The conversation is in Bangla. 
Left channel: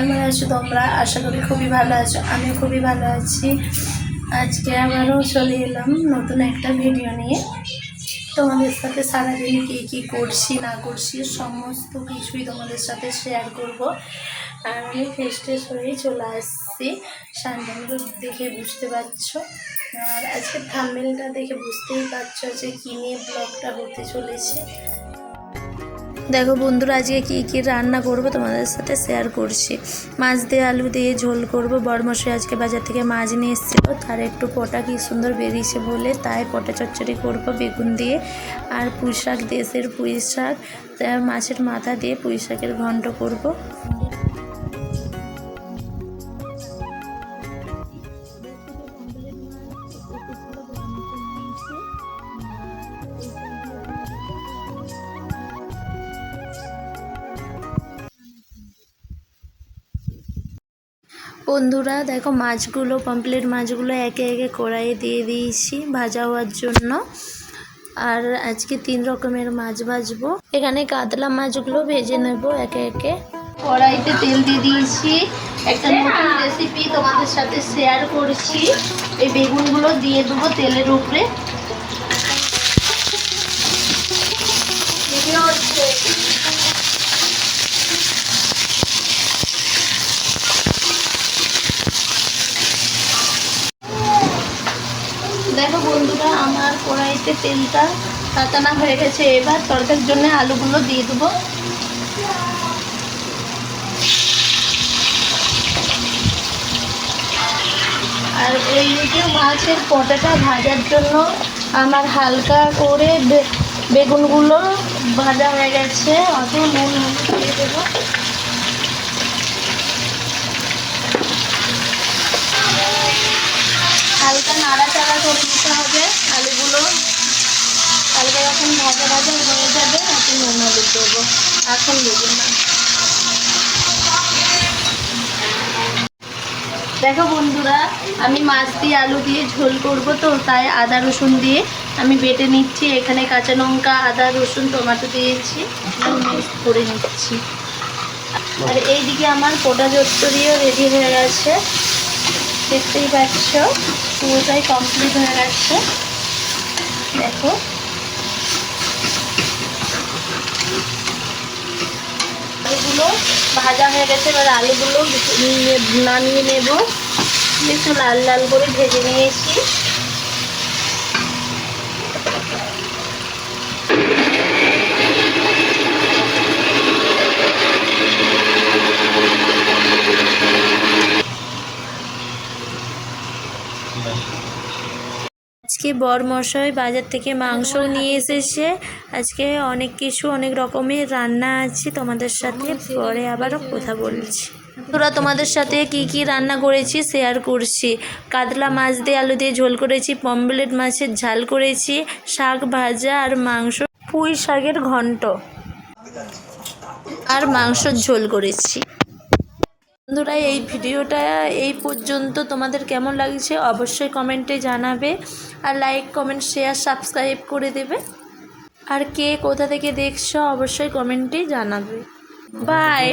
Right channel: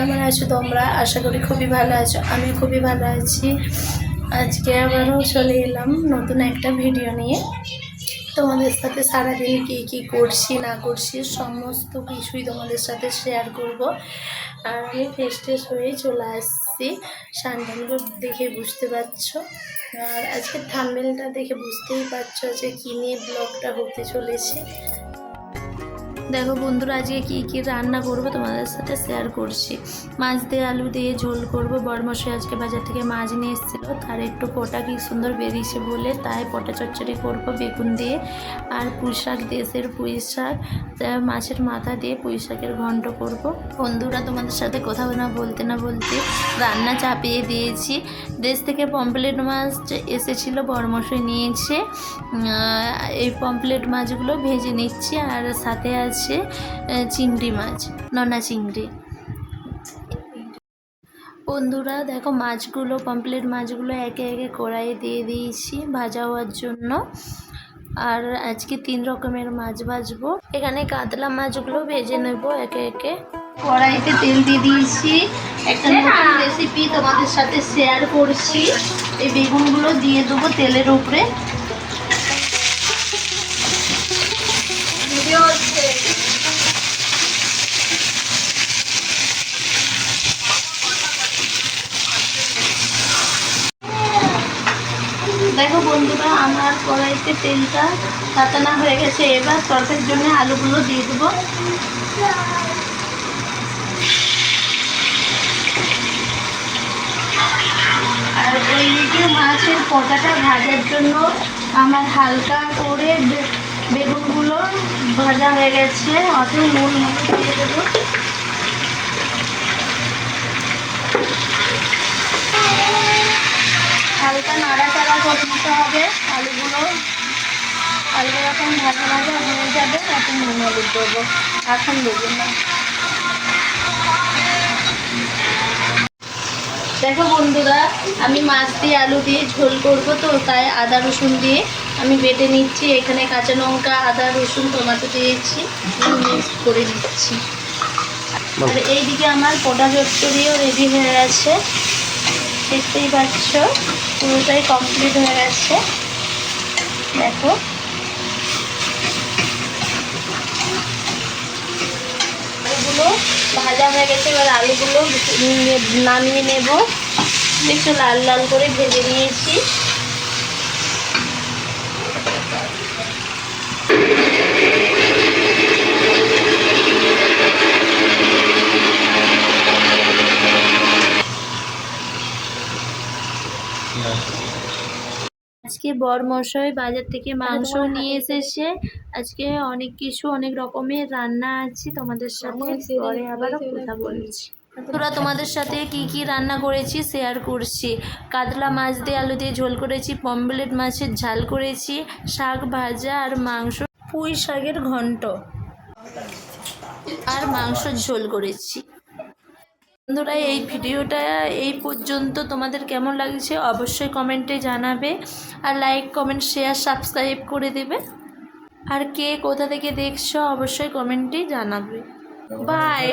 কেমন আছো তোমরা? আশা করি খুবই ভালো আছো। আমি খুবই ভালো আছি। আজকে আবারও চলে এলাম নতুন একটা ভিডিও নিয়ে। তোমাদের সাথে সারাদিন কী করছি না করছি সমস্ত কিছুই তোমাদের সাথে শেয়ার করব। আর আমি ফ্রেশ হয়েই চলে আসছি, সানডালগুলো দেখে বুঝতে পারছো। আর আজকে থাম্বনেলটা দেখে বুঝতেই পারছো যে কী নিয়ে ব্লগটা হতে চলেছে। দেখো বন্ধুরা, আজকে কী রান্না করব তোমাদের সাথে শেয়ার করছি। মাছ দিয়ে আলু দিয়ে ঝোল করব। বড়মশাই আজকে বাজার থেকে মাছ নিয়ে এসেছিল, তার একটু পটা কী সুন্দর বেরিয়েছে বলে তাই পটা চচ্চড়ি করব বেগুন দিয়ে। আর পুঁই শাক, দেশের পুঁই শাক, মাছের মাথা দিয়ে পুঁই শাকের ঘন্ট করব। বন্ধুরা, তোমাদের সাথে কথা না বলতে রান্না চাপিয়ে দিয়েছি। দেশ থেকে পমফ্রেট মাছ এসেছিল, বড়মশাই নিয়েছে। এই পমফ্রেট মাছগুলো ভেজে নিচ্ছি। আর সাথে আছে চিংড়ি মাছ, নোনা চিংড়ি। বন্ধুরা দেখো, মাছগুলো পমফ্রেট মাছগুলো একে একে কড়াইয়ে দিয়ে দিয়েছি ভাজা হওয়ার জন্য। আর আজকে 3 রকমের মাছ ভাজবো। এখানে কাতলা মাছগুলো ভেজে নেব একে একে। কড়াইতে তেল দিয়ে দিয়েছি। একটা নতুন রেসিপি তোমাদের সাথে শেয়ার করছি। এই বেগুনগুলো দিয়ে দেবো তেলের উপরে। দেখো বন্ধুরা, আমার কড়াইতে তেলটা তাতানা হয়ে গেছে। এবার তরকারির জন্য আলুগুলো দিয়ে দেবো। আর ওইদিকে মাছের পটাটা ভাজার জন্য আমার হালকা করে বেগুনগুলো ভাজা হয়ে গেছে। অত নুন দিয়ে দেবো। হালকা নাড়াচাড়া করে নিতে হবে। আলুগুলো হালকা যখন ভাজা হয়ে যাবে তখন নুন হলুদ দেবো, এখন দেবো না। দেখো বন্ধুরা, আমি মাছ দিয়ে আলু দিয়ে ঝোল করবো, তো তাই আদা রসুন দিয়ে আমি বেটে নিচ্ছি। এখানে কাঁচা লঙ্কা, আদা রসুন, টমেটো দিয়েছি, মিক্স করে নিচ্ছি। আর এইদিকে আমার পোটা চচ্চড়িও রেডি হয়ে গেছে, দেখতেই পাচ্ছ পুরোটাই কমপ্লিট হয়ে গেছে। দেখো আলুগুলো ভাজা হয়ে গেছে। এবার আলুগুলো নামিয়ে নেব। একটু লাল লাল করে ভেজে নিয়েছি। আজকে বড়মশাই বাজার থেকে মাংসও নিয়ে এসেছে। আজকে অনেক রকমের রান্না আছে, তোমাদের সাথে পরে আবারও কথা বলছি। তোরা তোমাদের সাথে কি রান্না করেছি শেয়ার করছি। কাতলা মাছ দিয়ে আলু দিয়ে ঝোল করেছি, পমফ্রেট মাছের ঝাল করেছি, শাক ভাজা আর মাংস, পুঁই শাকের ঘন্ট আর মাংসর ঝোল করেছি। বন্ধুরা, এই ভিডিওটা এই পর্যন্ত তোমাদের কেমন লাগছে অবশ্যই কমেন্টে জানাবে। আর লাইক, কমেন্ট, শেয়ার, সাবস্ক্রাইব করে দেবে। আর কে কোথা থেকে দেখছো অবশ্যই কমেন্টে জানাবে। বাই।